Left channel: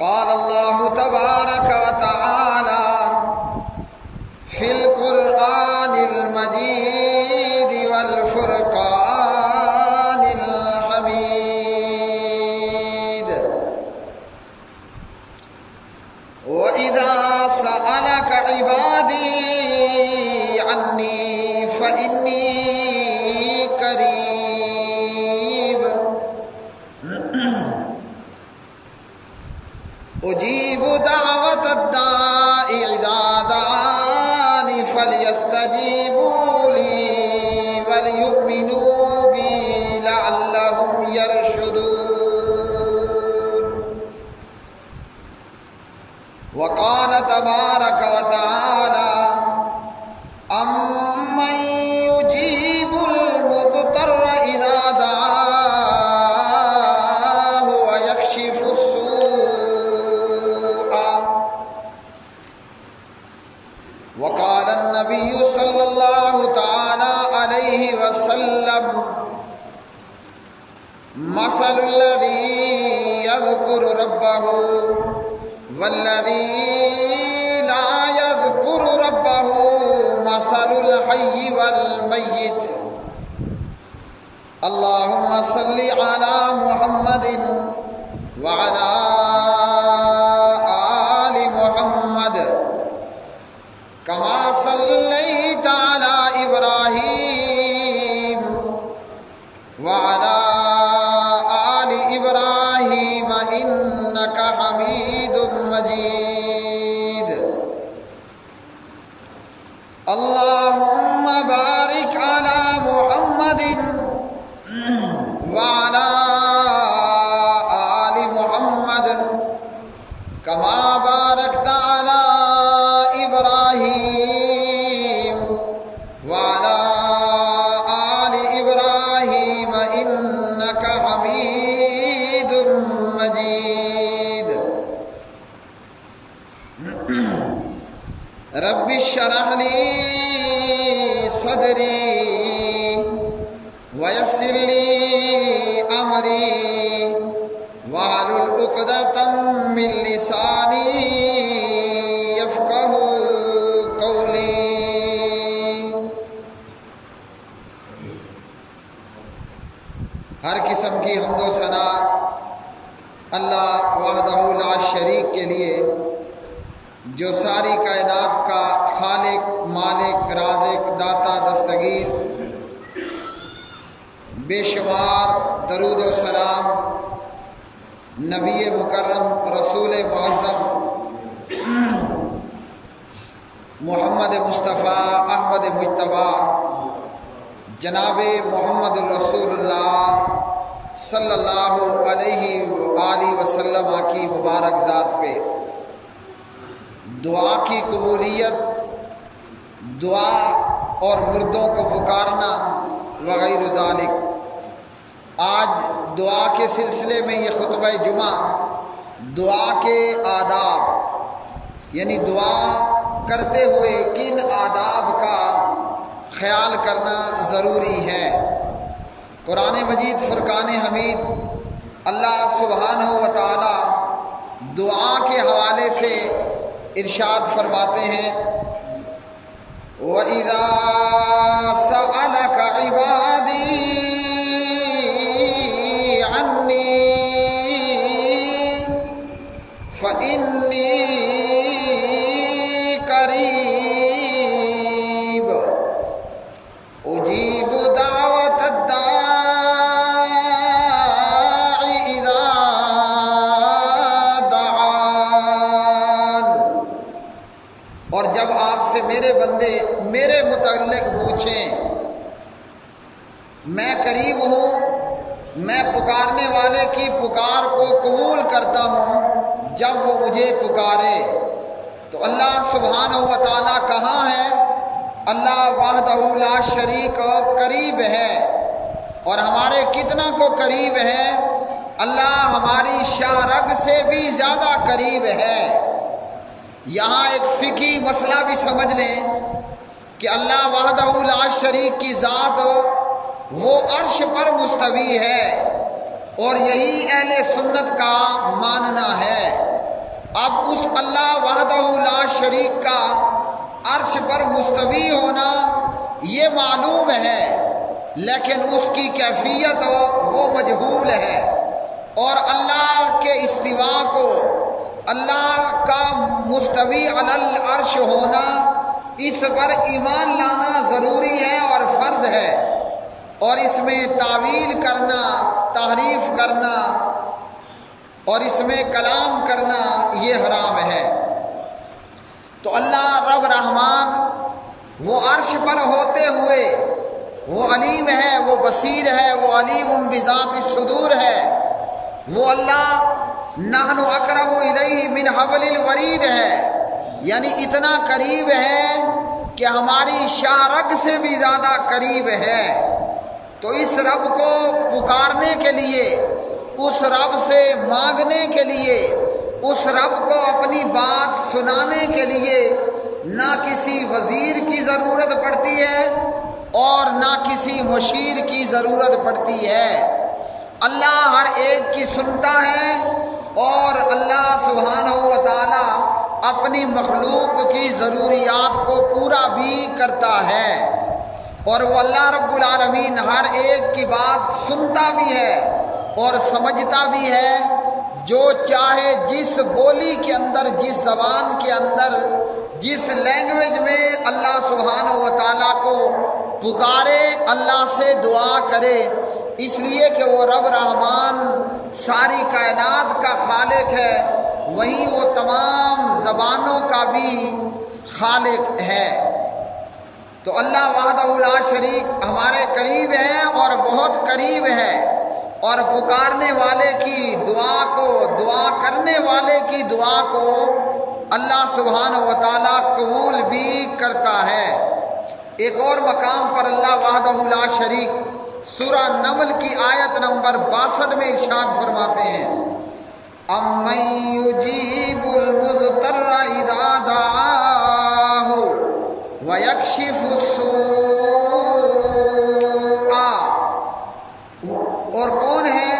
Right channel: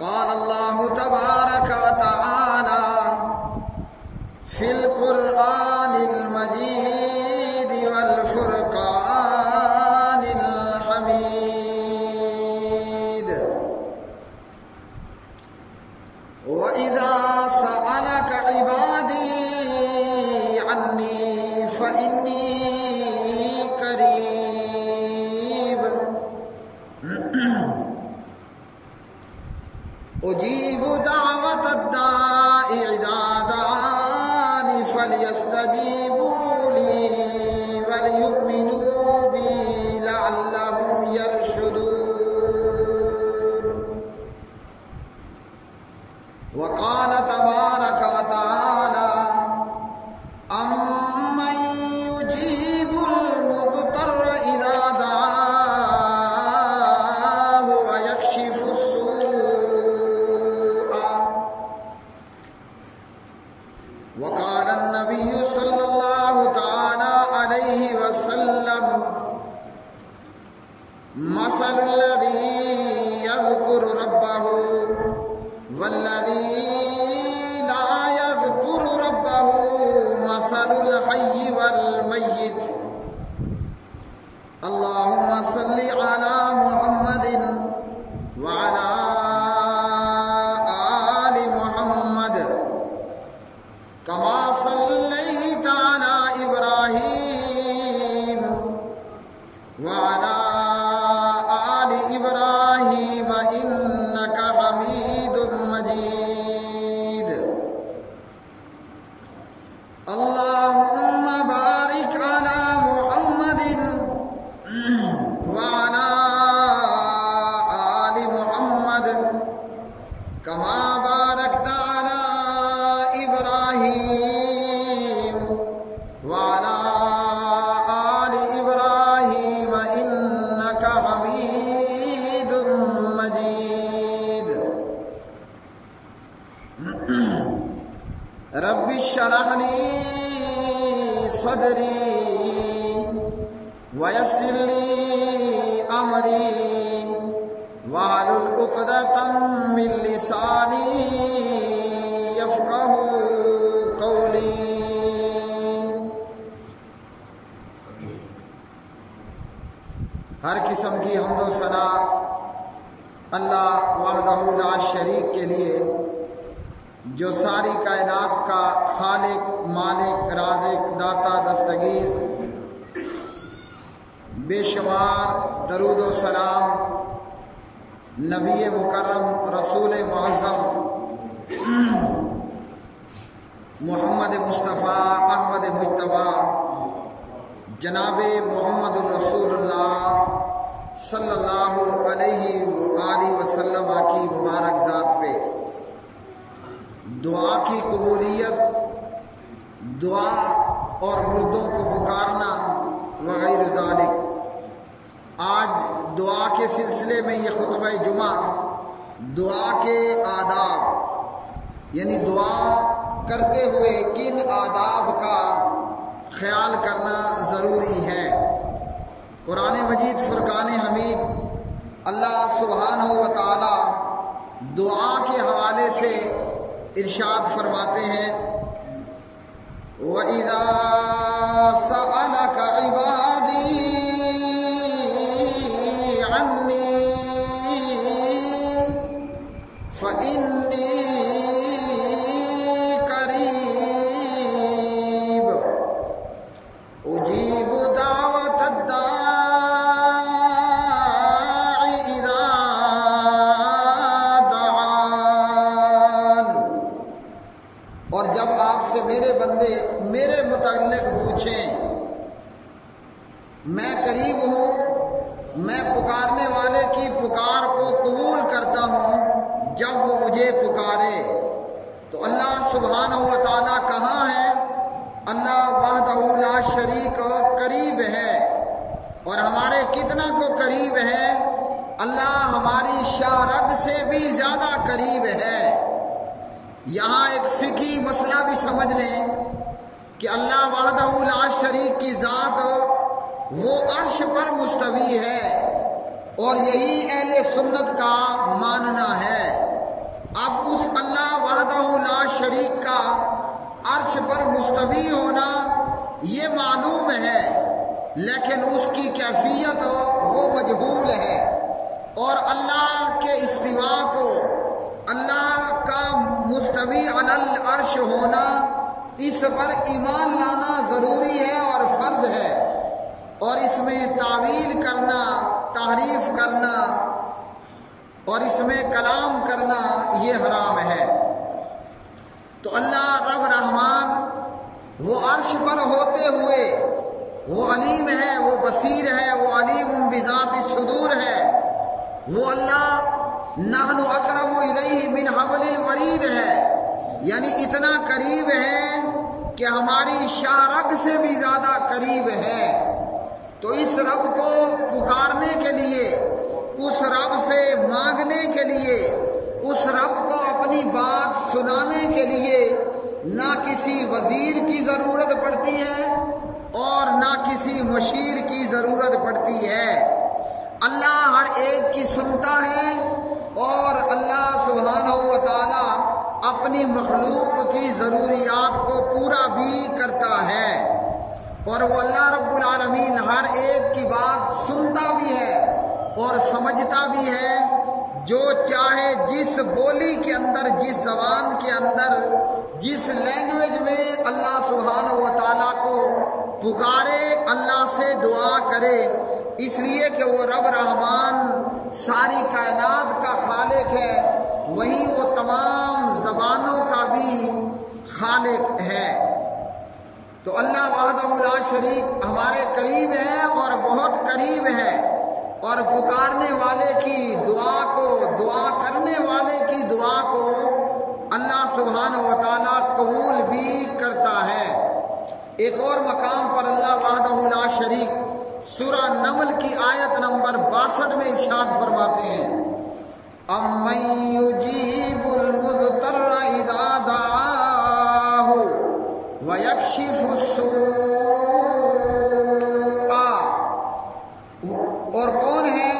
قال اللہ تبارک و تعالی فی القرآن المجید والفرقان الحمید وَإِذَا سَأَلَكَ عِبَادِي عَنِّي فَإِنِّي قَرِيبٌ أُجِيبُ دَعْوَةَ الدَّاعِ إِذَا دَعَانِ فَلْيَسْتَجِيبُوا لِي وَلْيُؤْمِنُوا بِي لَعَلَّهُمْ يَرْشُدُونَ وقال تبارک و تعالی امن یجیب المضطر اذا دعاہ ویکشف السوء وقال النبی صلی اللہ تعالی علیہ وسلم مثل الذی یذکر ربہ والذی لا یذکر ربہ مثل الحی والمیت اللہم صل علی محمد وعلی آل محمد کما صلیت علی ابراہیم وعلی آل ابراہیم انک حمید مجید اللہم بارک علی محمد وعلی آل محمد کما بارکت علی ابراہیم وعلی آل ابراہیم انک حمید مجید رب اشرح لی صدری ویسر لی امری واحلل عقدۃ من لسانی یفقہوا قولی ہر قسم کی حمد و ثنا اللہ وحدہ لا شریک کے لیے جو ساری کائنات کا خالق مالک رازق داتا دستگیر بے شمار درود و سلام نبی مکرم رسول معظم محمد مصطفیٰ احمد مجتبیٰ جناب محمد الرسول اللہ صلی اللہ علیہ وآلہ وسلم کی مبارک ذات پہ دعا کی قبولیت، دعا اور مردوں کو پکارنا وغیرہ ذالک۔ آج دعا کے سلسلے میں یہ خطبہ جمعہ دعا کے آداب یعنی دعا کرتے ہوئے کن آداب کا خیال کرنا ضروری ہے۔ قرآن مجید فرقان حمید اللہ سبحانہ و تعالی دعا کے حوالے سے ارشاد فرماتے ہیں وَإِذَا سَأَلَكَ عِبَادِي عَنِّي فَإِنِّي قَرِيبٌ أُجِيبُ دَعْوَةَ الدَّاعِ إِذَا دَعَانِ۔ اور جب آپ سے میرے بندے میرے متعلق پوچھیں، میں قریب ہوں، میں پکارنے والے کی پکار کو قبول کرتا ہوں جب وہ مجھے پکارے۔ تو اللہ سبحانہ و تعالیٰ کہاں ہے؟ اللہ وحدہ لا شریک قریب ہے، اور ہمارے کتنا کو قریب ہے؟ اللہ ہماری شاہ رگ سے بھی زیادہ قریب ہے۔ یہاں ایک فقہی مسئلہ بھی سمجھ لیں کہ اللہ وحدہ لا شریک کی ذات وہ عرش پر مستوی ہے، اور یہی اہل سنت کا ماننا ہے۔ اب اس اللہ وحدہ لا شریک کا عرش پر مستوی ہونا یہ معلوم ہے، لیکن اس کی کیفیت وہ مجہول ہے، اور اللہ کے استوا کو، اللہ کا مستوی علی العرش ہونا، اس پر ایمان لانا ضروری ہے اور فرض ہے، اور اس میں تعویل کرنا، تحریف کرنا اور اس میں کلام کرنا یہ حرام ہے۔ تو اللہ رب رحمان وہ عرش پر ہوتے ہوئے وہ علیم ہے، وہ بصیر ہے، وہ علیم بذات الصدور ہے، وہ اللہ نحن اقرب الیہ من حبل الورید ہے، یعنی اتنا قریب ہے کہ ہماری شاہ رگ سے بھی زیادہ قریب ہے۔ تو اس رب کو پکارنے کے لیے، اس رب سے مانگنے کے لیے، اس رب کو اپنی بات سنانے کے لیے نہ کسی وزیر کی ضرورت پڑتی ہے اور نہ کسی مشیر کی ضرورت پڑتی ہے۔ اللہ ہر ایک کی سنتا ہے، اور اللہ سبحانہ و تعالی اپنی مخلوق کی ضروریات کو پورا بھی کرتا ہے، اور وہ اللہ رب العالمین ہر ایک کی بات سنتا بھی ہے اور سمجھتا بھی ہے۔ جو چاہے جس بولی کے اندر، جس زبان کے اندر، جس لینگویج میں اللہ سبحانہ و تعالیٰ کو پکارے، اللہ سے دعا کرے، اس لیے کہ وہ رب رحمان ساری کائنات کا خالق ہے، وہیں وہ تمام زبانوں کا بھی خالق ہے۔ تو اللہ وحدہ لا شریک ہمارے قریب ہے اور بہت قریب ہے، اور پکارنے والے کی دعا کو، دعا کرنے والے کی دعا کو اللہ سبحانہ و تعالیٰ قبول بھی کرتا ہے۔ ایک اور مقام پر اللہ وحدہ لا شریک سورہ نمل کی آیت نمبر 62 میں ارشاد فرماتے ہیں، اَمَّن يُجِيبُ الْمُضْطَرَّ إِذَا دَعَاهُ وَيَكْشِفُ السُّوءَ، اور کون ہے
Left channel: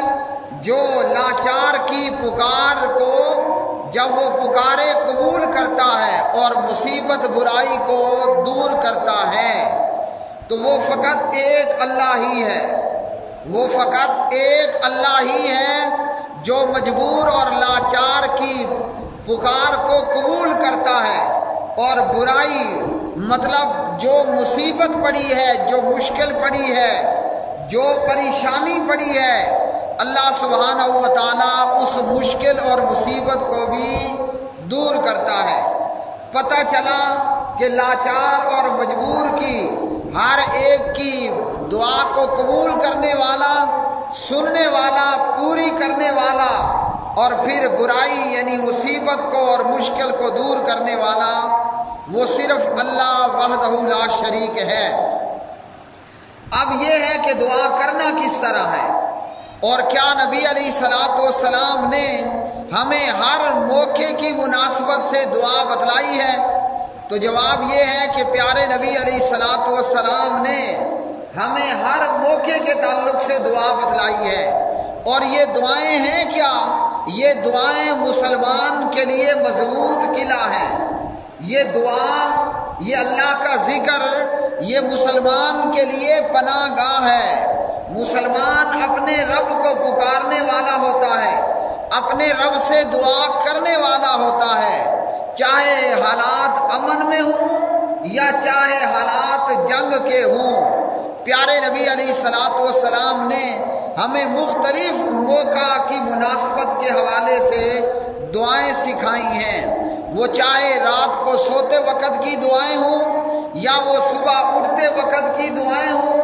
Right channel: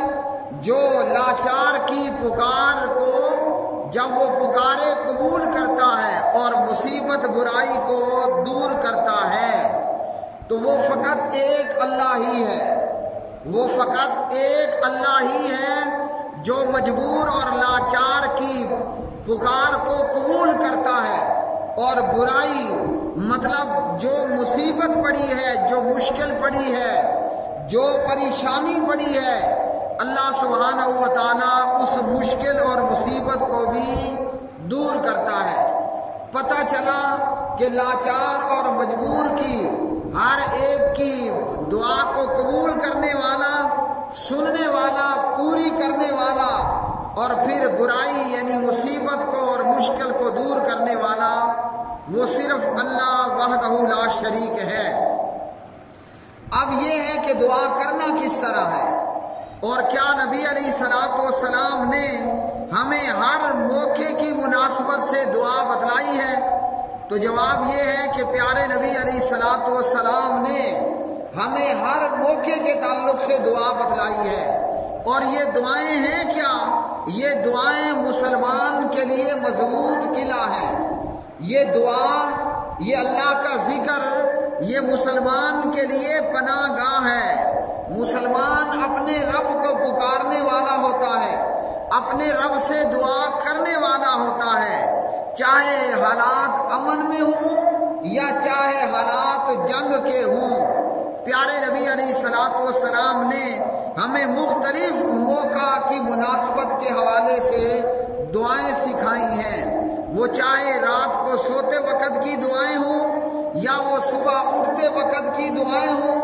جو لاچار کی پکار کو جب وہ پکارے قبول کرتا ہے اور مصیبت برائی کو دور کرتا ہے؟ تو وہ فقط ایک اللہ ہی ہے، وہ فقط ایک اللہ ہی ہے جو مجبور اور لاچار کی پکار کو قبول کرتا ہے، اور برائی مطلب جو مصیبت پڑی ہے، جو مشکل پڑی ہے، جو پریشانی پڑی ہے، اللہ سبحانہ و تعالیٰ اس مشکل اور مصیبت کو بھی دور کرتا ہے۔ پتہ چلا کہ لاچار اور مجبور کی ہر ایک کی دعا کو قبول کرنے والا، سننے والا، پوری کرنے والا، اور پھر برائی یعنی مصیبت کو اور مشکل کو دور کرنے والا وہ صرف اللہ وحدہ لا شریک ہے۔ اب یہ ہے کہ دعا کرنا کس طرح ہے، اور کیا نبی علیہ السلام نے ہمیں ہر موقع کی مناسبت سے دعا بتلائی ہے؟ تو جواب یہ ہے کہ پیارے نبی علیہ السلام نے ہمیں ہر موقع کے تعلق سے دعا بتلائی ہے، اور یہ دعائیں ہیں کیا؟ یہ دعائیں مسلمان کے لیے مضبوط قلعہ ہیں۔ یہ دعا، یہ اللہ کا ذکر، یہ مسلمان کے لیے پناہ گاہ ہے۔ مسلمان اپنے رب کو پکارنے والا ہوتا ہے، اپنے رب سے دعا کرنے والا ہوتا ہے، چاہے حالات امن میں ہوں یا چاہے حالات جنگ کے ہوں۔ پیارے نبی علیہ السلام نے ہمیں مختلف موقع کی مناسبت کے حوالے سے دعائیں سکھائی ہیں، وہ چاہے رات کو سوتے وقت کی دعائیں ہوں، یا وہ صبح اٹھتے وقت کی دعائیں ہوں،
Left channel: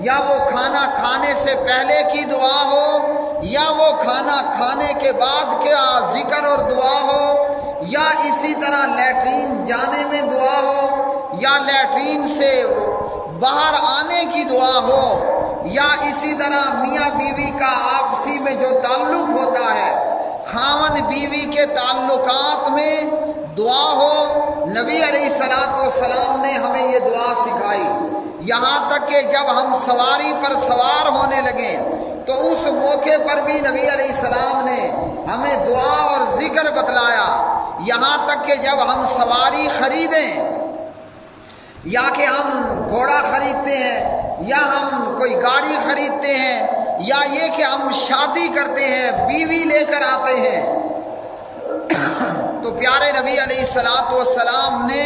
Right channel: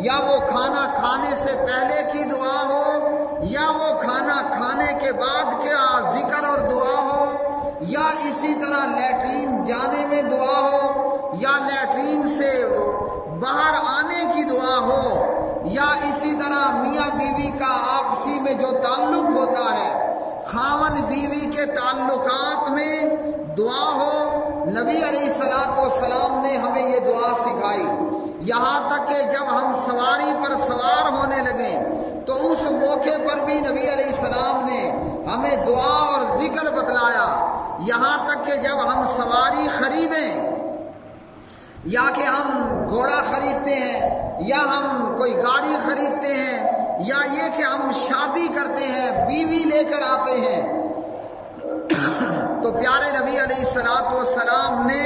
یا وہ کھانا کھانے سے پہلے کی دعا ہو، یا وہ کھانا کھانے کے بعد کے ذکر اور دعا ہو، یا اسی طرح لیٹرین جانے میں دعا ہو، یا لیٹرین سے باہر آنے کی دعا ہو، یا اسی طرح میاں بیوی کا آپسی میں جو تعلق ہوتا ہے، خاوند بیوی کے تعلقات میں دعا ہو۔ نبی علیہ السلام نے ہمیں یہ دعا سکھائی، یہاں تک کہ جب ہم سواری پر سوار ہونے لگیں تو اس موقع پر بھی نبی علیہ السلام نے ہمیں دعا اور ذکر بتلایا۔ یہاں تک کہ جب ہم سواری خریدیں یا کہ ہم گھوڑا خریدتے ہیں یا ہم کوئی گاڑی خریدتے ہیں یا یہ کہ ہم شادی کرتے ہیں، بیوی لے کر آتے ہیں، تو پیارے نبی علیہ الصلوۃ والسلام نے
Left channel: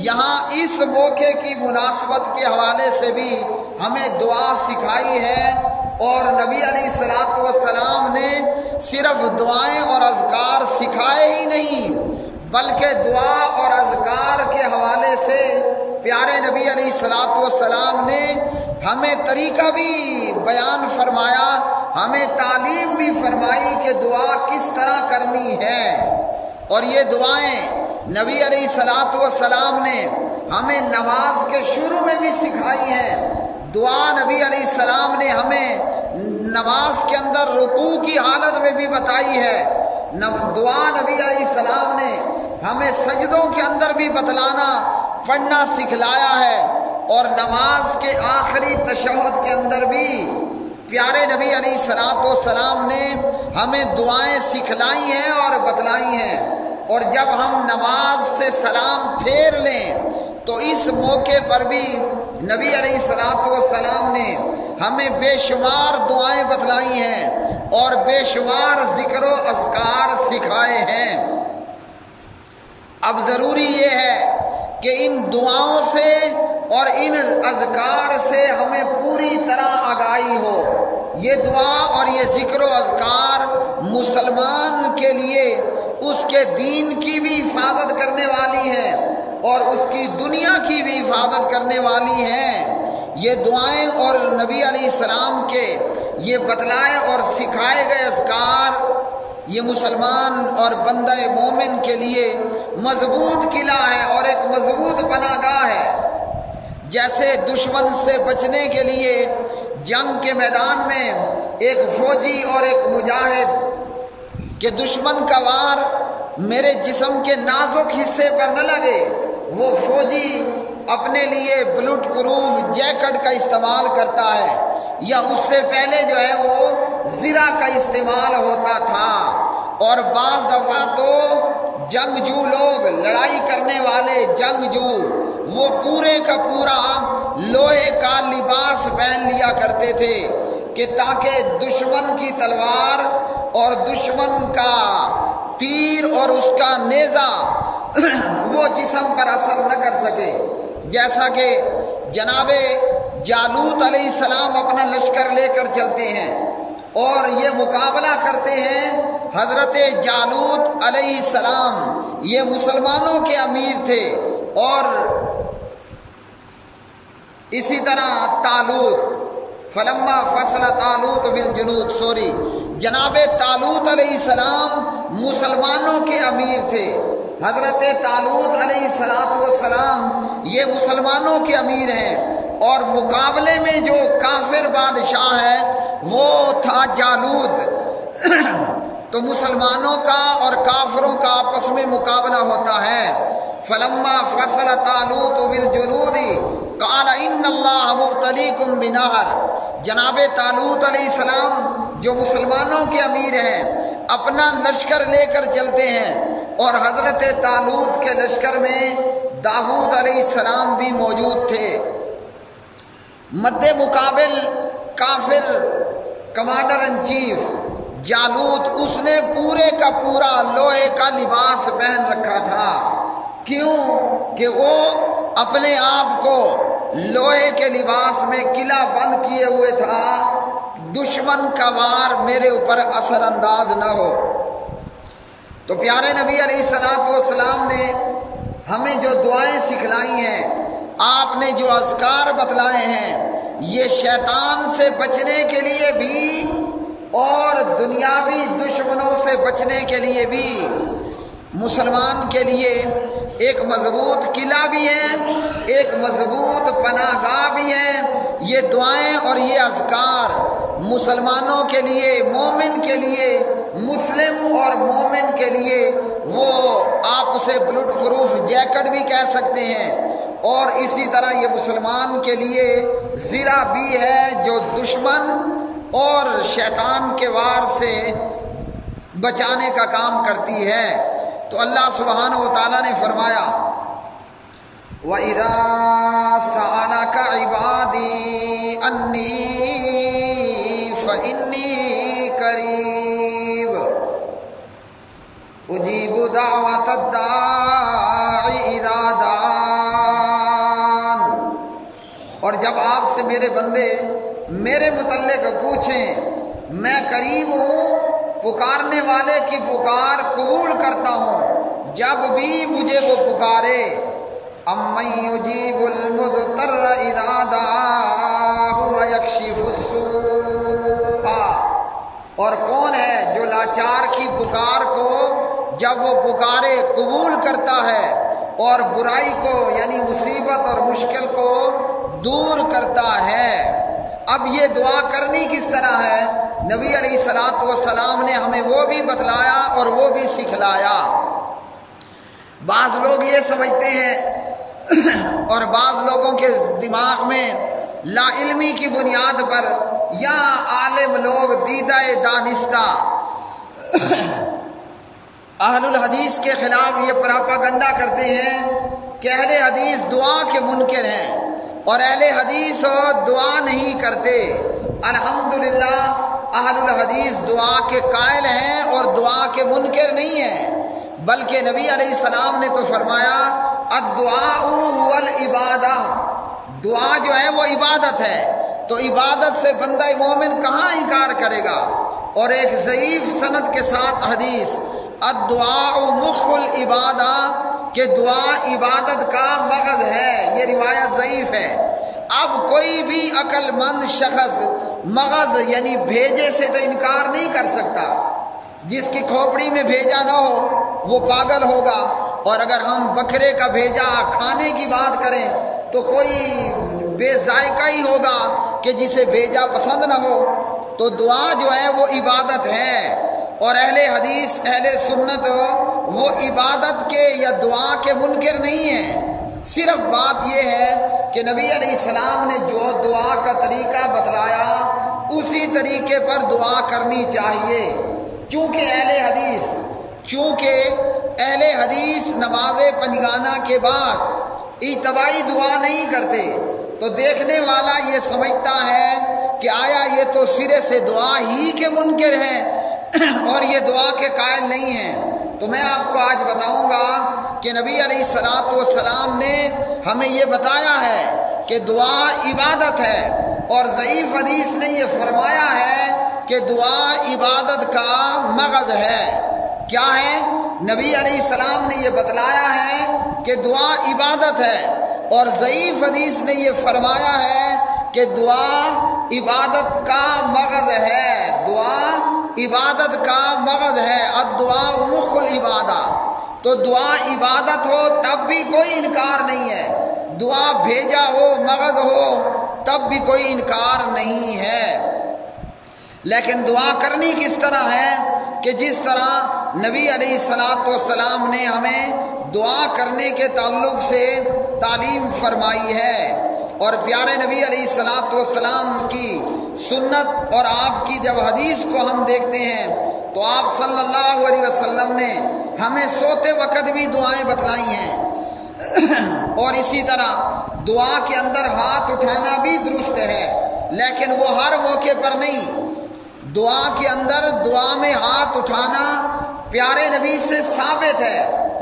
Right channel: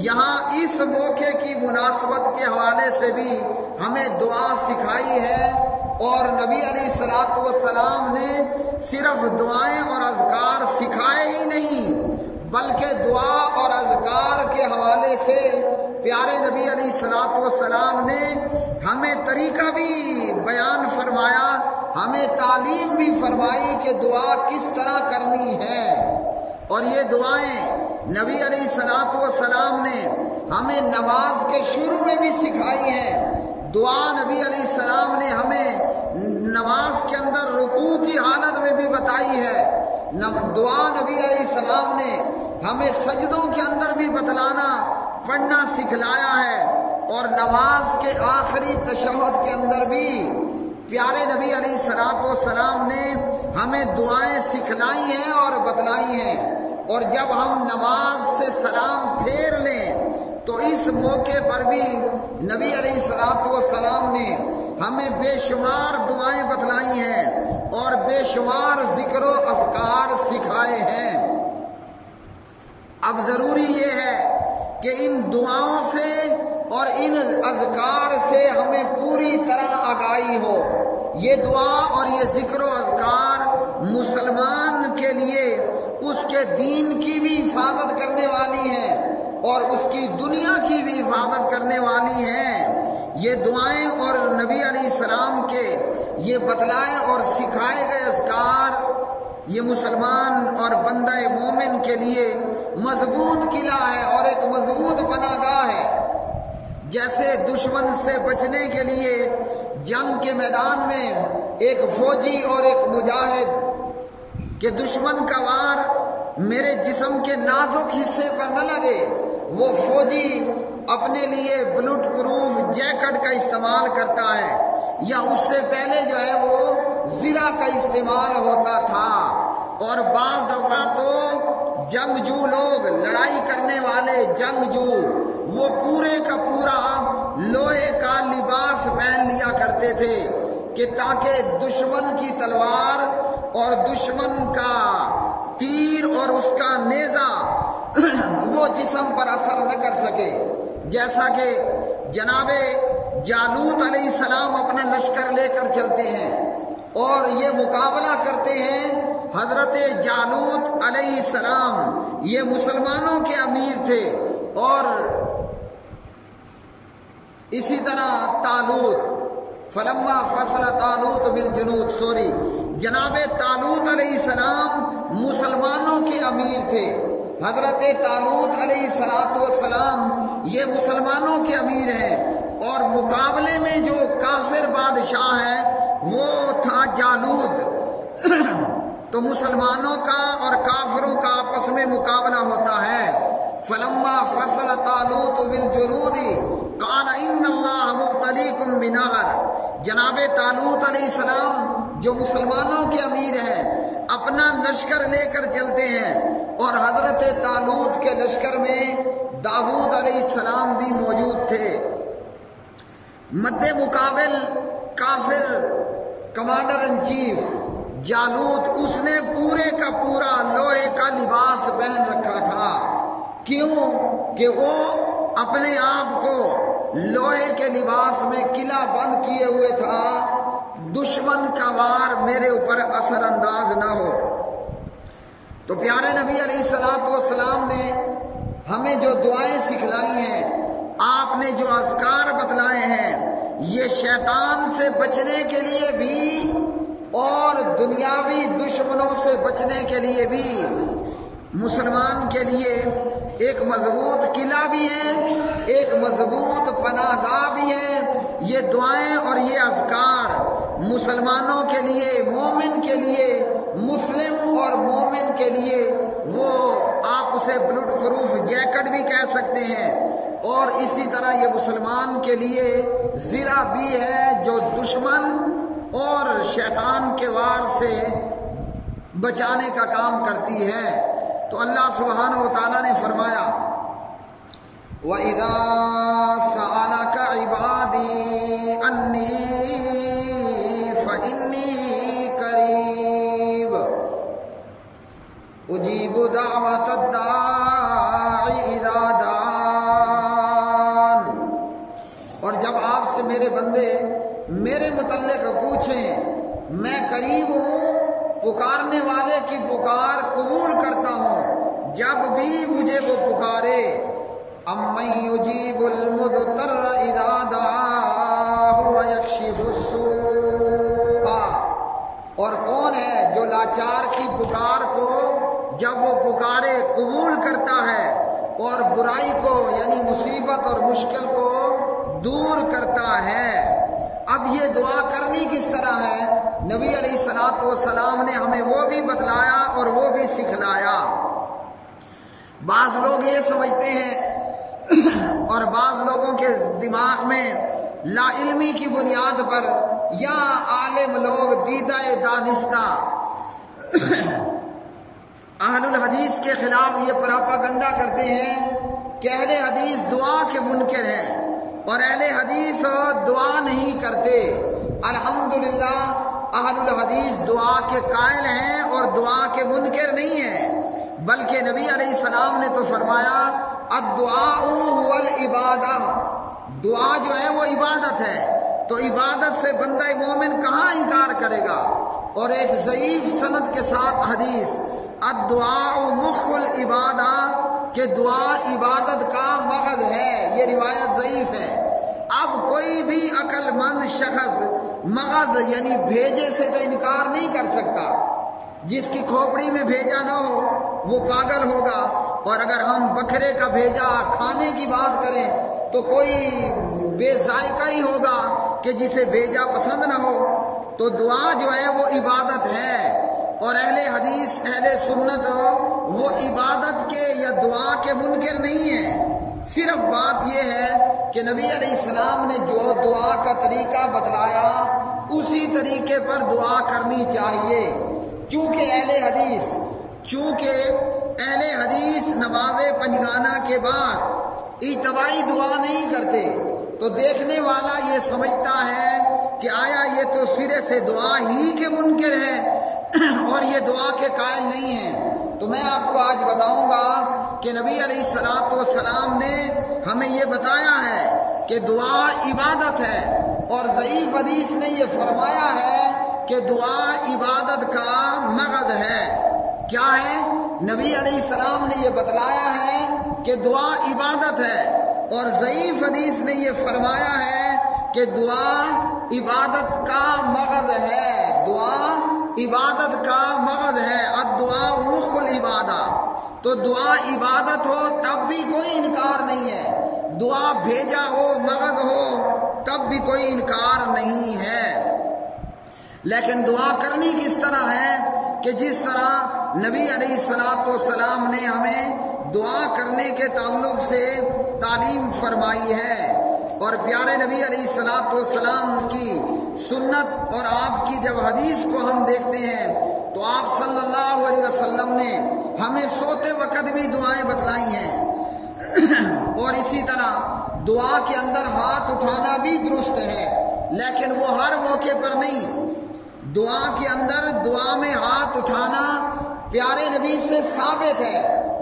یہاں اس موقع کی مناسبت کے حوالے سے بھی ہمیں دعا سکھائی ہے۔ اور نبی علیہ الصلوۃ والسلام نے صرف دعائیں اور اذکار سکھائے ہی نہیں، بلکہ دعا اور اذکار کے حوالے سے پیارے نبی علیہ الصلوۃ والسلام نے ہمیں طریقہ بھی بیان فرمایا، ہمیں تعلیم بھی فرمائی کہ دعا کس طرح کرنی ہے۔ اور یہ دعائیں نبی علیہ الصلوۃ والسلام نے ہمیں نماز کے شروع میں بھی سکھائی ہیں۔ دعا نبی علیہ السلام نے ہمیں نماز کے اندر رکوع کی حالت میں بھی بتائی ہے۔ دعا نبی علیہ السلام نے ہمیں سجدوں کے اندر بھی بتلانا پڑھنا سکھلایا ہے، اور نماز کے آخری تشہد کے اندر بھی پیارے نبی علیہ الصلوۃ والسلام نے ہمیں دعائیں سکھلائی ہیں اور بتلائی ہیں۔ اور جب ہم نماز سے سلام پھیر لیں تو اس موقع پر بھی نبی علیہ الصلوۃ والسلام نے ہمیں بے شمار دعائیں بتلائی ہیں اور بے شمار ذکر و اذکار سکھائے ہیں۔ اب ضروری یہ ہے کہ ان دعاؤں سے اور ان اذکار سے ہمیں پوری طرح آگاہی ہو۔ یہ دعا اور یہ ذکر و اذکار مسلمان کے لیے اس کے دین کی بھی حفاظت کرنے والی ہیں اور اس کی دنیا کی بھی حفاظت کرنے والی ہیں۔ یہ دعائیں اور نبی علیہ السلام کے یہ بتلائے اور سکھائے گئے اذکار یہ مسلمان اور بندہ مومن کے لیے مضبوط قلعہ ہے اور ایک مضبوط پناہ گاہ ہے۔ جیسے دشمن سے بچنے کے لیے جنگ کے میدان میں ایک فوجی اور ایک مجاہد کہ دشمن کا وار میرے جسم کے نازک حصے پر نہ لگے، وہ فوجی اپنے لیے بلٹ پروف جیکٹ کا استعمال کرتا ہے، یا اس سے پہلے جو ہے وہ زرہ کا استعمال ہوتا تھا۔ اور بعض دفعہ تو جنگجو لوگ، لڑائی کرنے والے جنگجو، وہ پورے کا پورا لوہے کا لباس پہن لیا کرتے تھے کہ تاکہ دشمن کی تلوار اور دشمن کا تیر اور اس کا نیزہ وہ جسم پر اثر نہ کر سکے۔ جیسا کہ جناب جالوت علیہ السلام اپنا لشکر لے کر چلتے ہیں اور یہ مقابلہ کرتے ہیں۔ حضرت جالوت علیہ السلام یہ مسلمانوں کے امیر تھے، اور اسی طرح طالوت، فلما فصل طالوت بالجنود، جناب طالوت علیہ السلام مسلمانوں کے امیر تھے۔ حضرت طالوت علیہ السلام یہ مسلمانوں کے امیر ہیں، اور مقابلے میں جو کافر بادشاہ ہے وہ تھا جالوت۔ تو مسلمانوں کا اور کافروں کا آپس میں مقابلہ ہوتا ہے۔ فلما فصل طالوت بالجنود قال ان اللہ مبتلیکم بنہر، جناب طالوت علیہ السلام جو مسلمانوں کے امیر ہیں اپنا لشکر لے کر چلتے ہیں، اور حضرت طالوت کے لشکر میں داؤد علیہ السلام بھی موجود تھے۔ مد مقابل کافر کمانڈر ان چیف جالوت، اس نے پورے کا پورا لوہے کا لباس پہن رکھا تھا۔ کیوں؟ کہ وہ اپنے آپ کو لوہے کے لباس میں قلعہ بند کیے ہوئے تھا، دشمن کا وار میرے اوپر اثر انداز نہ ہو۔ تو پیارے نبی علیہ الصلوۃ والسلام نے ہمیں جو دعائیں سکھلائی ہیں، آپ نے جو اذکار بتلائے ہیں، یہ شیطان سے بچنے کے لیے بھی اور دنیاوی دشمنوں سے بچنے کے لیے بھی مسلمان کے لیے ایک مضبوط قلعہ بھی ہے، ایک مضبوط پناہ گاہ بھی ہے۔ یہ دعائیں اور یہ اذکار مسلمانوں کے لیے، مومن کے لیے، مسلم اور مومن کے لیے، وہ آپ اسے بلٹ پروف جیکٹ بھی کہہ سکتے ہیں، اور اسی طرح یہ مسلمان کے لیے زرہ بھی ہے جو دشمن اور شیطان کے وار سے بچانے کا کام کرتی ہے۔ تو اللہ سبحانہ و تعالیٰ نے فرمایا وَإِذَا سَأَلَكَ عِبَادِي أَنِّي فَإِنِّي قَرِيبٌ أُجِيبُ دَعْوَةَ الدَّاعِ إِذَا دَعَانِ۔ اور جب آپ سے میرے بندے میرے متعلق پوچھیں، میں قریب ہوں، پکارنے والے کی پکار قبول کرتا ہوں جب بھی مجھے وہ پکارے۔ اَمَّن يُجِيبُ الْمُضْطَرَّ إِذَا دَعَاهُ وَيَكْشِفُ السُّوءَ، اور کون ہے جو لاچار کی پکار کو جب وہ پکارے قبول کرتا ہے اور برائی کو یعنی مصیبت اور مشکل کو دور کرتا ہے۔ اب یہ دعا کرنی کس طرح ہے؟ نبی علیہ الصلوۃ والسلام نے ہمیں وہ بھی بتلایا اور وہ بھی سکھلایا۔ بعض لوگ یہ سمجھتے ہیں اور بعض لوگوں کے دماغ میں لا علمی کی بنیاد پر یا عالم لوگ دیدہ دانستہ اہل الحدیث کے خلاف یہ پراپاگنڈا کرتے ہیں کہ اہل حدیث دعا کے منکر ہیں اور اہل حدیث دعا نہیں کرتے۔ الحمدللہ اہل الحدیث دعا کے قائل ہیں اور دعا کے منکر نہیں ہیں، بلکہ نبی علیہ السلام نے تو فرمایا الدعاء هو العبادہ، دعا جو ہے وہ عبادت ہے، تو عبادت سے بندہ مومن کہاں انکار کرے گا؟ اور ایک ضعیف سند کے ساتھ حدیث الدعاء مخ العبادہ کہ دعا عبادت کا مغز ہے، یہ روایت ضعیف ہے۔ اب کوئی بھی عقل مند شخص مغز یعنی بھیجے سے تو انکار نہیں کر سکتا۔ جس کی کھوپڑی میں بھیجا نہ ہو وہ پاگل ہوگا، اور اگر ہم بکرے کا بھیجا کھانے کی بات کریں تو کوئی بے ذائقہ ہی ہوگا کہ جسے بھیجا پسند نہ ہو۔ تو دعا جو ہے وہ عبادت ہے، اور اہل حدیث اہل سنت وہ عبادت کے یا دعا کے منکر نہیں ہیں۔ صرف بات یہ ہے کہ نبی علیہ السلام نے جو دعا کا طریقہ بتلایا اسی طریقے پر دعا کرنی چاہیے، چونکہ اہل حدیث نماز پنجگانہ کے بعد اجتماعی دعا نہیں کرتے، تو دیکھنے والا یہ سمجھتا ہے کہ آیا یہ تو سرے سے دعا ہی کے منکر ہیں اور یہ دعا کے قائل نہیں ہیں۔ تو میں آپ کو آج بتاؤں گا کہ نبی علیہ الصلوۃ والسلام نے ہمیں یہ بتایا ہے کہ دعا عبادت ہے، اور ضعیف حدیث نے یہ فرمایا ہے کہ دعا عبادت کا مغز ہے۔ کیا ہے؟ نبی علیہ السلام نے یہ بتلایا ہے کہ دعا عبادت ہے، اور ضعیف حدیث نے یہ فرمایا ہے کہ دعا عبادت کا مغز ہے، دعا عبادت کا مغز ہے۔ الدعاء مخ العبادہ، تو دعا عبادت ہو تب بھی کوئی انکار نہیں ہے، دعا بھیجا ہو مغز ہو تب بھی کوئی انکار نہیں ہے۔ لیکن دعا کرنی کس طرح ہے کہ جس طرح نبی علیہ الصلوۃ والسلام نے ہمیں دعا کرنے کے تعلق سے تعلیم فرمائی ہے، اور پیارے نبی علیہ الصلوۃ والسلام کی سنت اور آپ کی جب حدیث کو ہم دیکھتے ہیں تو آپ صلی اللہ علیہ وسلم نے ہمیں سوتے وقت بھی دعائیں بتلائی ہیں، اور اسی طرح دعا کے اندر ہاتھ اٹھانا بھی درست ہے، لیکن وہ ہر موقع پر نہیں۔ دعا کے اندر دعا میں ہاتھ اٹھانا پیارے نبی سے ثابت ہے،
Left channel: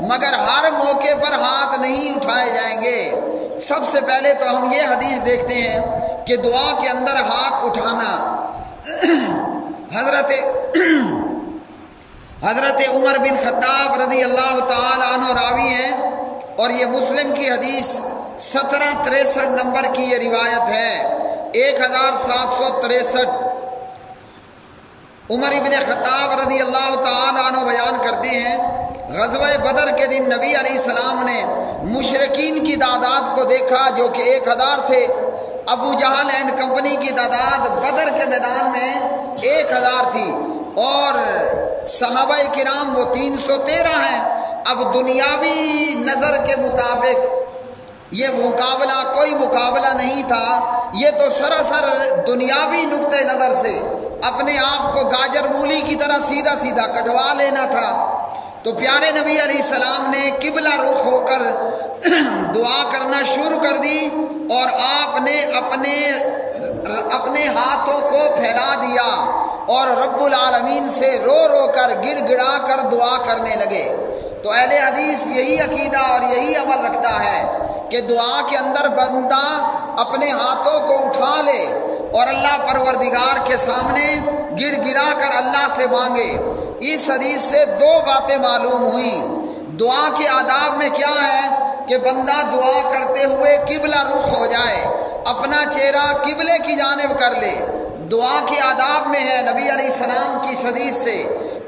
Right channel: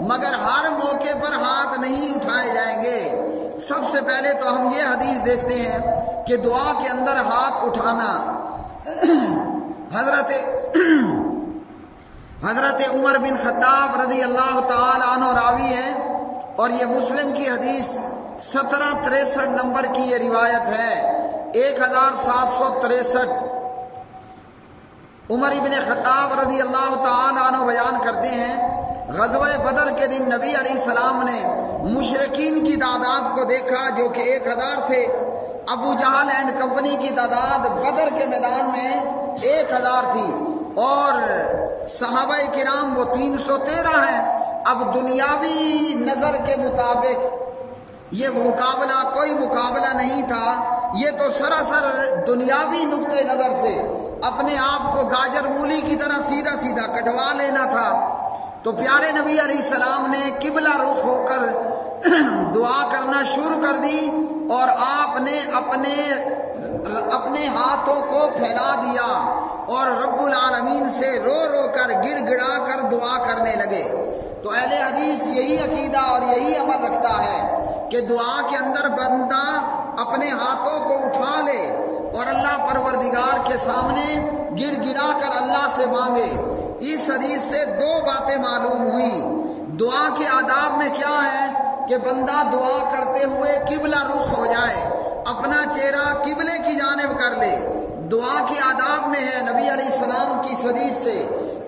مگر ہر موقع پر ہاتھ نہیں اٹھائے جائیں گے۔ سب سے پہلے تو ہم یہ حدیث دیکھتے ہیں کہ دعا کے اندر ہاتھ اٹھانا حضرت عمر بن خطاب رضی اللہ تعالی عنہ راوی ہیں، اور یہ مسلم کی حدیث 1763 نمبر کی یہ روایت ہے، 1763۔ عمر بن خطاب رضی اللہ تعالی عنہ بیان کرتے ہیں غزوہ بدر کے دن نبی علیہ السلام نے مشرکین کی تعداد کو دیکھا جو کہ 1000 تھے۔ ابو جہل اینڈ کمپنی کی تعداد بدر کے میدان میں 1000 تھی، اور صحابہ کرام وہ 313 ہیں۔ اب دنیاوی نظر کے مطابق یہ مقابلہ کوئی مقابلہ نہیں تھا، یہ تو سراسر دنیاوی نقطۂ نظر سے اپنے آپ کو گاجر مولی کی طرح سیدھا سیدھا کٹوا لینا تھا۔ تو پیارے نبی علیہ السلام نے قبلہ رخ ہو کر دعا کرنا شروع کر دی اور آپ نے اپنے ہاتھوں کو پھیلا دیا اور رب العالمین سے رو رو کر گڑ گڑا کر دعا کرنے لگے۔ تو اہل حدیث یہی عقیدہ اور یہی عمل رکھتا ہے کہ دعا کے اندر بندہ اپنے ہاتھوں کو اٹھا لے اور اللہ پروردگار کے سامنے گڑ گڑا کر اللہ سے مانگے۔ اس حدیث سے دو باتیں معلوم ہوئیں۔ دعا کے آداب میں کیا ہے کہ بندہ دعا کرتے ہوئے قبلہ رخ ہو جائے، اپنا چہرہ قبلے کی جانب کر لے۔ دعا کے آداب میں ہے نبی علیہ السلام کی حدیث سے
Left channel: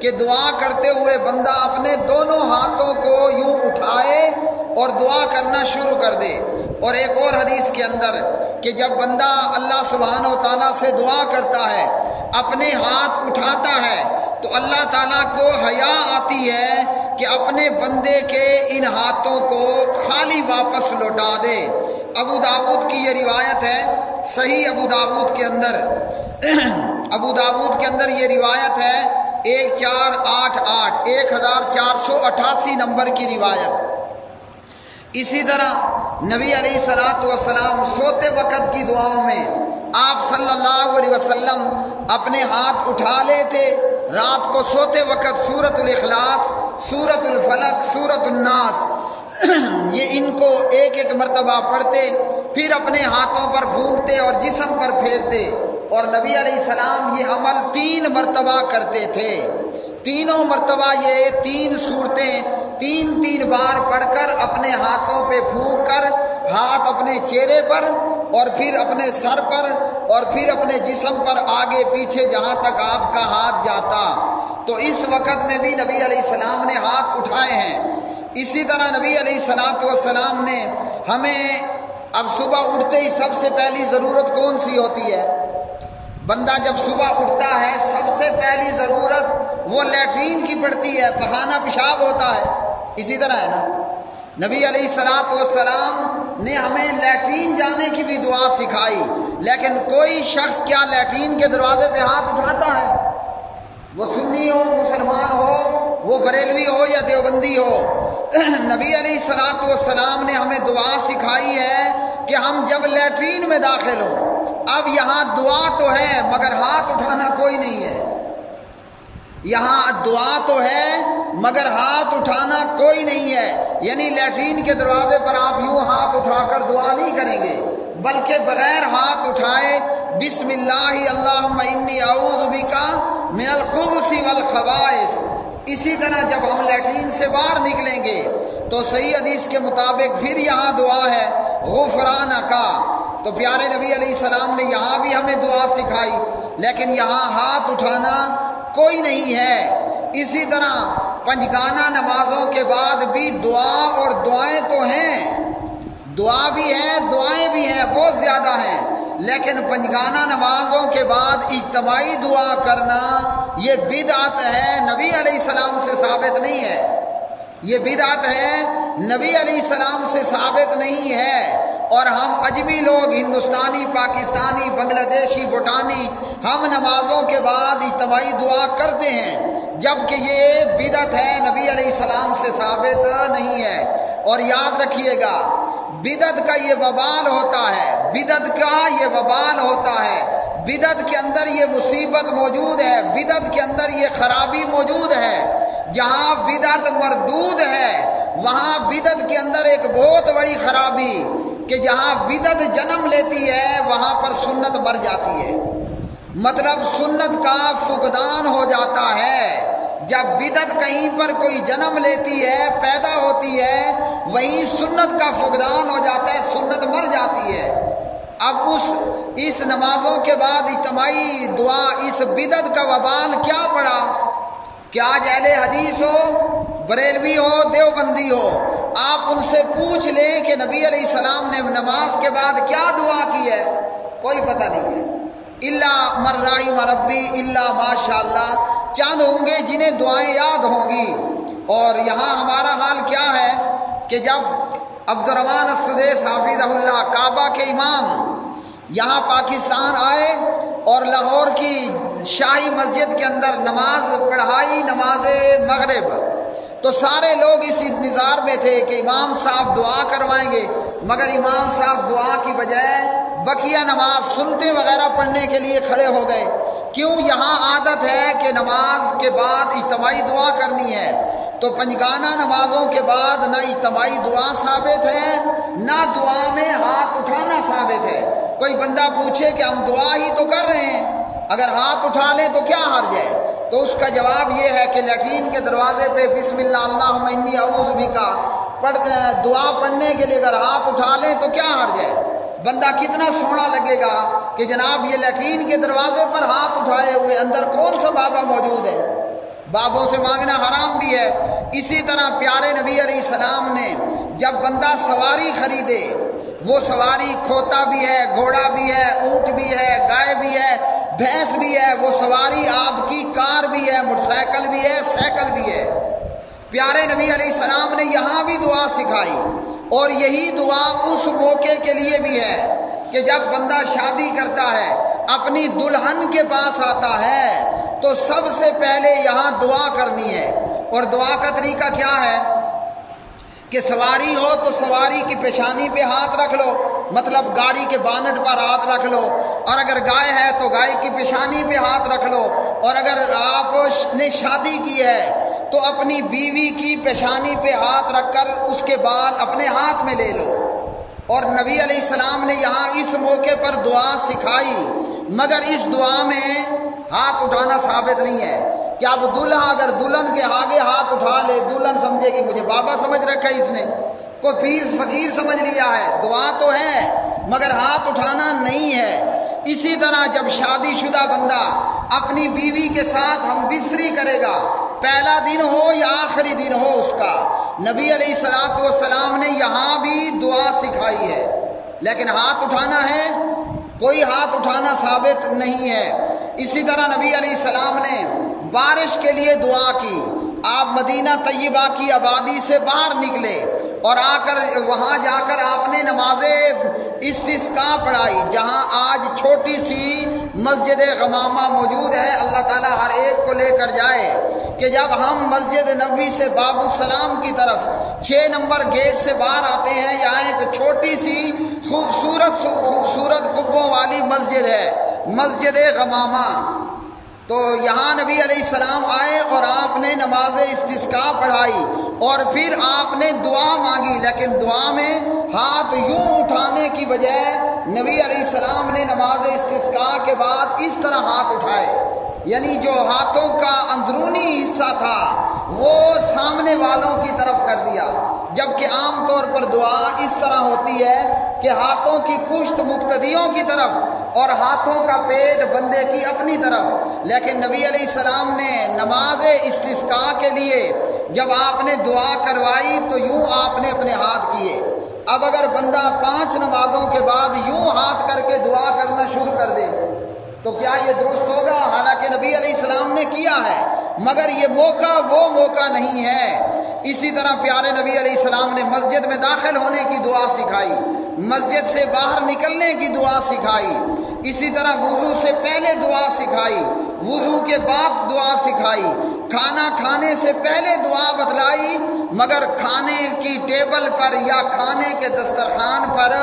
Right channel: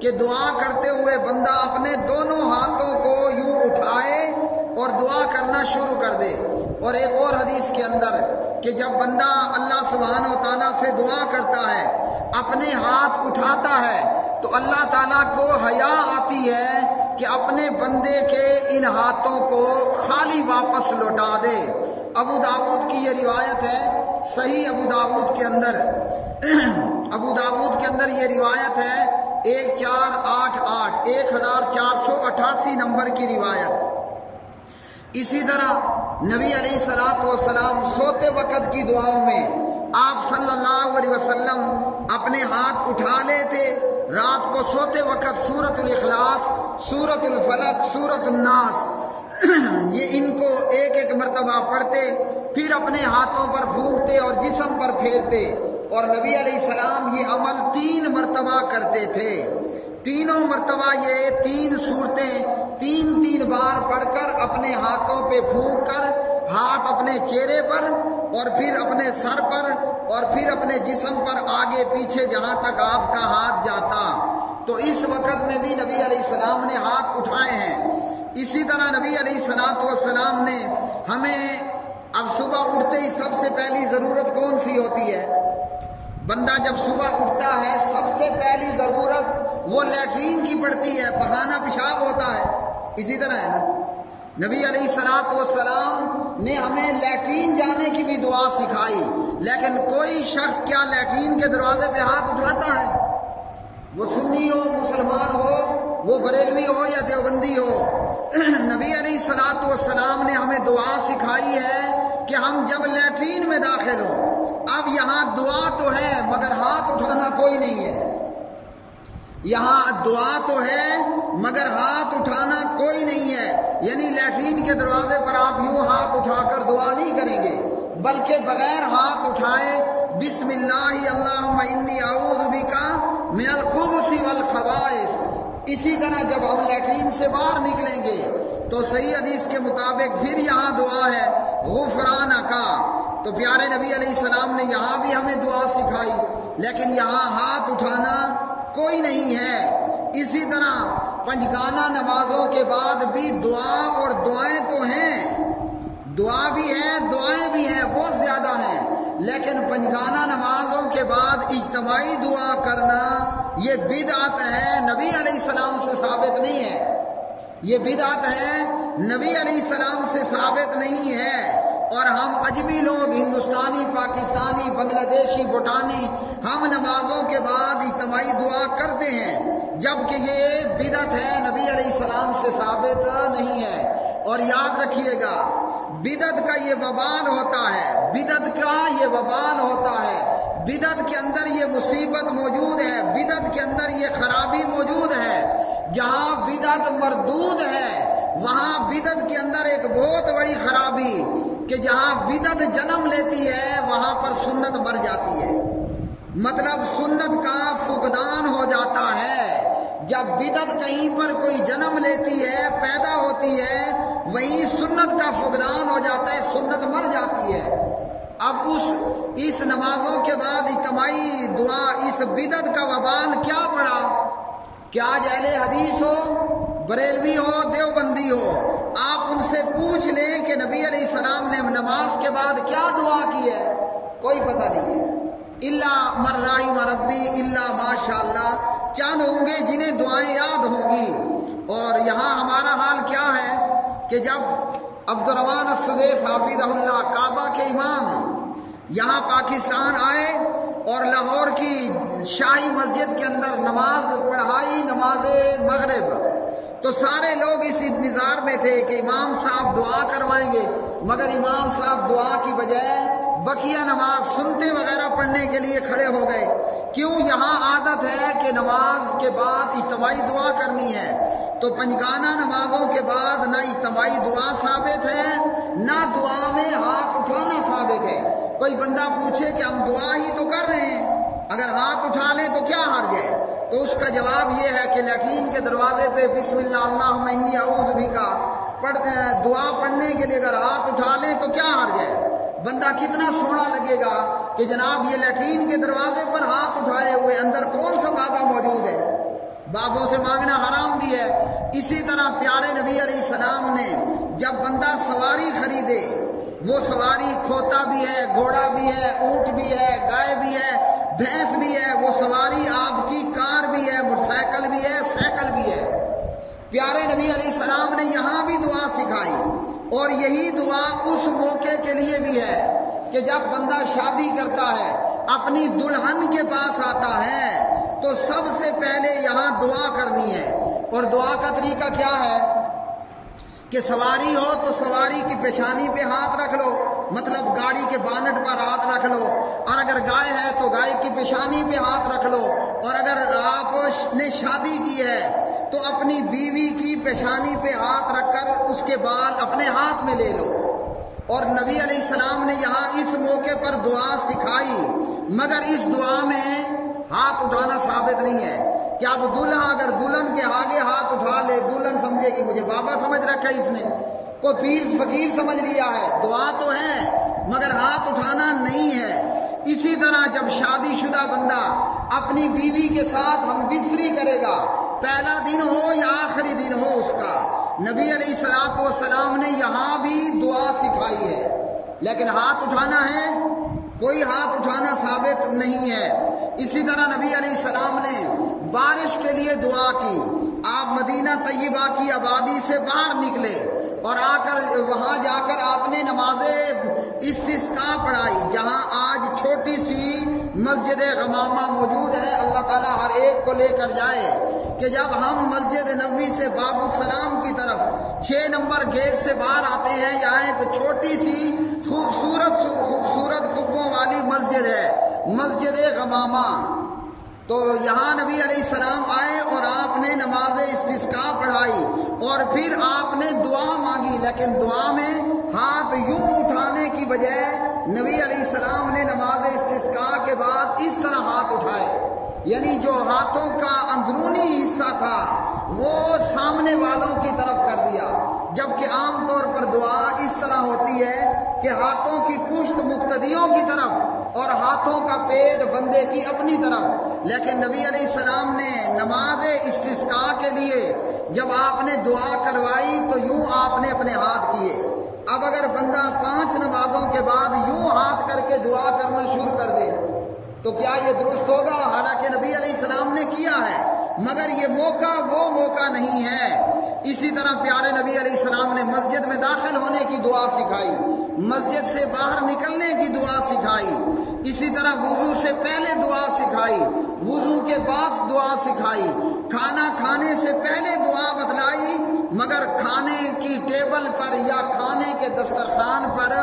کہ دعا کرتے ہوئے بندہ اپنے دونوں ہاتھوں کو یوں اٹھائے اور دعا کرنا شروع کر دے۔ اور ایک اور حدیث کے اندر کہ جب بندہ اللہ سبحانہ و تعالیٰ سے دعا کرتا ہے، اپنے ہاتھ اٹھاتا ہے، تو اللہ تعالیٰ کو حیا آتی ہے کہ اپنے بندے کے ان ہاتھوں کو خالی واپس لوٹا دے۔ ابو داؤد کی یہ روایت ہے، صحیح ابو داؤد کے اندر یہ روایت ہے 1488 1488 نمبر کی روایت۔ اسی طرح نبی علیہ الصلوۃ والسلام سوتے وقت کی دعاؤں میں آپ صلی اللہ علیہ وسلم اپنے ہاتھ اٹھا لیتے۔ رات کو سوتے وقت سورۃ الاخلاص، سورۃ الفلق، سورۃ الناس یہ ان کو ایک ایک مرتبہ پڑھتے، پھر اپنے ہاتھوں پر پھونکتے اور جسم پر پھیرتے۔ اور نبی علیہ السلام یہ عمل 3 مرتبہ کرتے تھے۔ تینوں مرتبہ یہ 3 صورتیں 3 بار پڑھ کر اپنے ہاتھوں پہ پھونک کر ہاتھ اپنے چہرے پر اور پھر اپنے سر پر اور پھر اپنے جسم پر آگے پیچھے جہاں تک آپ کا ہاتھ جاتا۔ تو اس وقت میں بھی نبی علیہ السلام نے ہاتھ اٹھائے ہیں۔ اسی طرح نبی علیہ السلام نے ہمیں اب صبح اٹھتے ہی سب سے پہلی ضرورت کون سی ہوتی ہے؟ بندہ جب صبح اٹھتا ہے سب سے پہلی ضرورت وہ لیٹرین کی پڑتی ہے، پخانہ پیشاب ہوتا ہے۔ اسی طرح ہے نا، نبی علیہ السلام نے ہمیں لیٹرین جانے کی بھی دعا سکھائی، لیکن کوئی شخص کیا لیٹرین کے دروازے پہ ہاتھ اٹھاتا ہے؟ وہ سنی ہو، مسلمان ہو، وہ بریلوی ہو یا دیوبندی ہو، نبی علیہ السلام نے ہمیں دعا سکھائی ہے کہ ہم جب لیٹرین میں داخل ہوں، اب یہاں دعا تو ہے مگر ہاتھ اٹھانا کوئی نہیں ہے۔ یہاں دعا تو ہے مگر ہاتھ اٹھانا کوئی نہیں ہے، یعنی لیٹرین کے دروازے پر آپ یوں ہاتھ اٹھا کر دعا نہیں کریں گے، بلکہ بغیر ہاتھ اٹھائے بسم اللہ اللہم انی اعوذ بک من الخبث والخبائث۔ اسی طرح جب ہم لیٹرین سے باہر نکلیں گے تو صحیح حدیث کے مطابق پھر یہاں دعا ہے غفرانک۔ تو پیارے نبی علیہ السلام نے یہاں بھی ہمیں دعا سکھائی، لیکن یہاں ہاتھ اٹھانا کوئی نہیں ہے۔ اسی طرح پنجگانہ نمازوں کے بعد بھی دعا اور دعائیں تو ہیں، دعا بھی ہے، دعائیں بھی ہیں، بہت زیادہ ہیں، لیکن پنجگانہ نمازوں کے بعد اجتماعی دعا کرنا یہ بدعت ہے، نبی علیہ السلام سے ثابت نہیں ہے۔ یہ بدعت ہے، نبی علیہ السلام سے ثابت نہیں ہے۔ اور ہم اجمی لوگ، ہندوستانی، پاکستانی، بنگلہ دیشی، بھوٹانی، ہم نمازوں کے بعد اجتماعی دعا کرتے ہیں، جبکہ یہ بدعت ہے، نبی علیہ السلام سے ثابت نہیں ہے۔ اور یاد رکھیے گا، بدعت کا یہ وبال ہوتا ہے، بدعت کا یہ وبال ہوتا ہے، بدعت کے اندر یہ مصیبت موجود ہے، بدعت کے اندر یہ خرابی موجود ہے۔ جہاں بدعت مردود ہے وہاں بدعت کے اندر ایک بہت بڑی خرابی کہ جہاں بدعت جنم لیتی ہے وہاں پر سنت مر جاتی ہے، مطلب سنت کا فقدان ہو جاتا ہے۔ جب بدعت کہیں پر کوئی جنم لیتی ہے، پیدا ہوتی ہے، وہیں سنت کا فقدان ہو جاتا ہے، سنت مر جاتی ہے۔ اب اس نمازوں کے بعد اجتماعی دعا، اس بدعت کا وبال کیا پڑا کہ آج اہل حدیث ہو، بریلوی ہو، دیوبندی ہو، آپ ان سے پوچھ لیں کہ نبی علیہ السلام نے نماز کے بعد کیا دعا کی ہے، کوئی پتہ نہیں ہے۔ الا من رحم ربی الا ماشاء اللہ، چند ہوں گے جنہیں دعائیں یاد ہوں گی۔ اور یہاں ہمارا حال کیا ہے کہ جب عبد الرحمن السدیس حافظہ اللہ کعبہ کے امام یہاں پاکستان آئے اور لاہور کی شاہی مسجد کے اندر نماز پڑھائی، نماز مغرب، تو سارے لوگ اس انتظار میں تھے کہ امام صاحب دعا کروائیں گے، مگر امام صاحب دعا کی بجائے بقیہ نماز سنتے وغیرہ پڑھنے کے لیے کھڑے ہو گئے۔ کیوں؟ یہاں عادت ہے کہ نماز کے بعد اجتماعی دعا کرنی ہے، تو پنجگانہ نمازوں کے بعد نہ اجتماعی دعا ثابت ہے نہ دعا میں ہاتھ اٹھانا ثابت ہے۔ کوئی بندہ پوچھے کہ ہم دعا ہی تو کر رہے ہیں، اگر ہاتھ اٹھا لیں تو کیا حرج ہے؟ تو اس کا جواب یہ ہے کہ لیٹرین کے دروازے پہ بسم اللہ اللہم انی اعوذ بکا دعا پڑھنے کے لیے اگر ہاتھ اٹھا لیں تو کیا حرج ہے؟ بندہ کتنا سونا لگے گا کہ جناب یہ لیٹرین کے دروازے پر ہاتھ اٹھائے ہوئے، اندر کون سا بابا موجود ہے؟ بابوں سے مانگنا حرام بھی ہے۔ اسی طرح پیارے نبی علیہ السلام نے جب بندہ سواری خریدے، وہ سواری کھوتا بھی ہے، گھوڑا بھی ہے، اونٹ بھی ہے، گائے بھی ہے، بھینس بھی ہے، وہ سواری آپ کی کار بھی ہے، موٹر سائیکل بھی ہے، سائیکل بھی ہے۔ پیارے نبی علیہ السلام نے یہاں بھی دعا سکھائی، اور یہی دعا اس موقع کے لیے بھی ہے کہ جب بندہ شادی کرتا ہے، اپنی دلہن کے پاس آتا ہے تو سب سے پہلے یہاں دعا کرنی ہے۔ اور دعا کا طریقہ کیا ہے کہ سواری ہو تو سواری کی پیشانی پہ ہاتھ رکھ لو، مطلب گاڑی کے بانٹ پر ہاتھ رکھ لو، اور اگر گائے ہے تو گائے کی پیشانی پہ ہاتھ رکھ لو، اور اگر آپ نے شادی کی ہے تو اپنی بیوی کی پیشانی پہ ہاتھ رکھ کر اس کے بعد اپنے ہاتھ میں لے لو۔ اور نبی علیہ السلام نے یہاں اس موقع پر دعا سکھائی، مگر اس دعا میں ہاتھ اٹھانا ثابت نہیں ہے کہ اب دلہا اگر دلہن کے آگے ہاتھ اٹھا لے، دلہن سمجھے کہ مجھے بابا سمجھ رکھا ہے، اس نے کوئی پیر فقیر سمجھ لیا ہے۔ دعا تو ہے مگر ہاتھ اٹھانا نہیں ہے۔ اسی طرح جب شادی شدہ بندہ اپنی بیوی کے ساتھ ہم بستری کرے گا، پہلا دن ہو یا آخری دن ہو اس کا، نبی علیہ السلام نے یہاں بھی دعا سکھائی ہے، لیکن ہاتھ اٹھانا ہے، کوئی ہاتھ اٹھانا ثابت نہیں ہے۔ اسی طرح نبی علیہ السلام نے بارش کے لیے دعا کی۔ آپ مدینہ طیبہ کی آبادی سے باہر نکلے اور آ کر وہاں جا کر آپ نے نماز استسقاء پڑھائی، جہاں آج چھوٹی سی مسجد غمامہ موجود ہے۔ اللہ تعالیٰ ہر ایک کو لے کر جائے کہ جب ہم مسجد نبوی سے باب السلام کی طرف 6 نمبر گیٹ سے باہر آتے ہیں، یہاں ایک چھوٹی سی خوبصورت قبوں والی مسجد ہے، مسجد غمامہ۔ تو یہاں نبی علیہ السلام آئے اور آپ نے نماز استسقاء پڑھائی، اور پھر آپ نے دعا مانگی، لیکن دعا میں ہاتھ یوں اٹھانے کی بجائے نبی علیہ السلام نے نماز استسقاء کے بعد اس طرح ہاتھ اٹھائے، یعنی جو ہاتھوں کا اندرونی حصہ تھا وہ سامنے والوں کی طرف کر دیا، جبکہ عام طور پر دعا اس طرح ہوتی ہے کہ ہاتھوں کی پشت مقتدیوں کی طرف اور ہاتھوں کا پیٹ بندے کی اپنی طرف۔ لیکن نبی علیہ السلام نے نماز استسقاء کے لیے جب آپ نے دعا کروائی تو یوں آپ نے اپنے ہاتھ کیے۔ اب اگر بندہ 5 نمازوں کے بعد یوں ہاتھ کر کے دعا کرنا شروع کر دے تو کیا یہ درست ہوگا؟ حالانکہ نبی علیہ السلام نے کیا ہے، مگر یہ موقع وہ موقع نہیں ہے۔ اسی طرح پیارے نبی علیہ السلام نے مسجد میں داخل ہونے کی دعا سکھائی، مسجد سے باہر نکلنے کی دعا سکھائی، اسی طرح وضو سے پہلے دعا سکھائی، وضو کے بعد دعا سکھائی، کھانا کھانے سے پہلے دعا بتلائی، مگر کھانے کی ٹیبل پر یا کھانے کے دسترخوان پر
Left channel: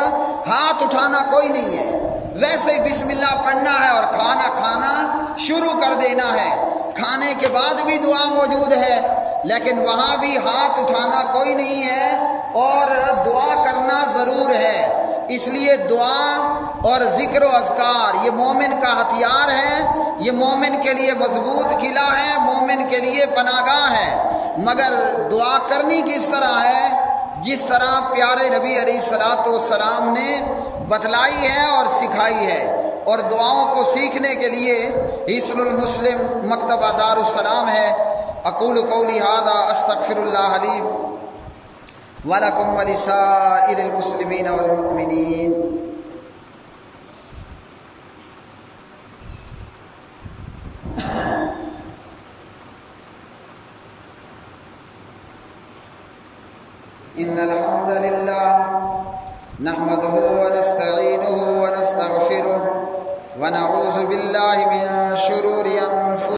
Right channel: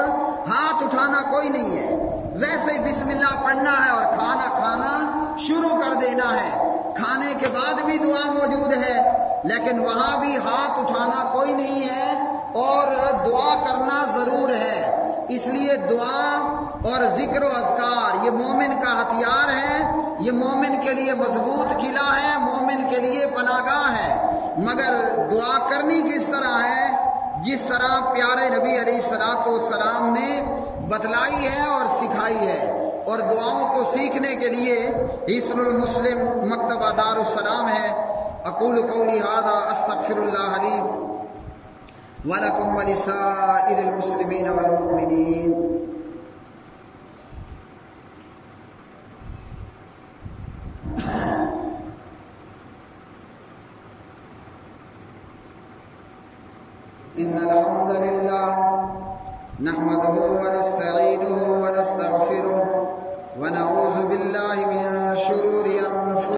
ہاتھ اٹھانا کوئی نہیں ہے۔ ویسے ہی بسم اللہ پڑھنا ہے اور کھانا کھانا شروع کر دینا ہے۔ کھانے کے بعد بھی دعا موجود ہے، لیکن وہاں بھی ہاتھ اٹھانا کوئی نہیں ہے اور دعا کرنا ضرور ہے۔ اس لیے دعا اور ذکر و اذکار یہ مومن کا ہتھیار ہے، یہ مومن کے لیے مضبوط قلعہ ہے، مومن کے لیے پناہ گاہ ہے، مگر دعا کرنی کس طرح ہے؟ جس طرح پیارے نبی علیہ السلام نے بتلائی ہے اور سکھائی ہے۔ اور دعاؤں کو سیکھنے کے لیے حصن المسلم مکتبہ دار السلام ہے۔ اقول قولی ھذا استغفر اللہ لی ولکم ولسائر المسلمین والمؤمنین۔ ان الحمد للہ نحمده ونستعینه ونستغفره ونعوذ باللہ من شرور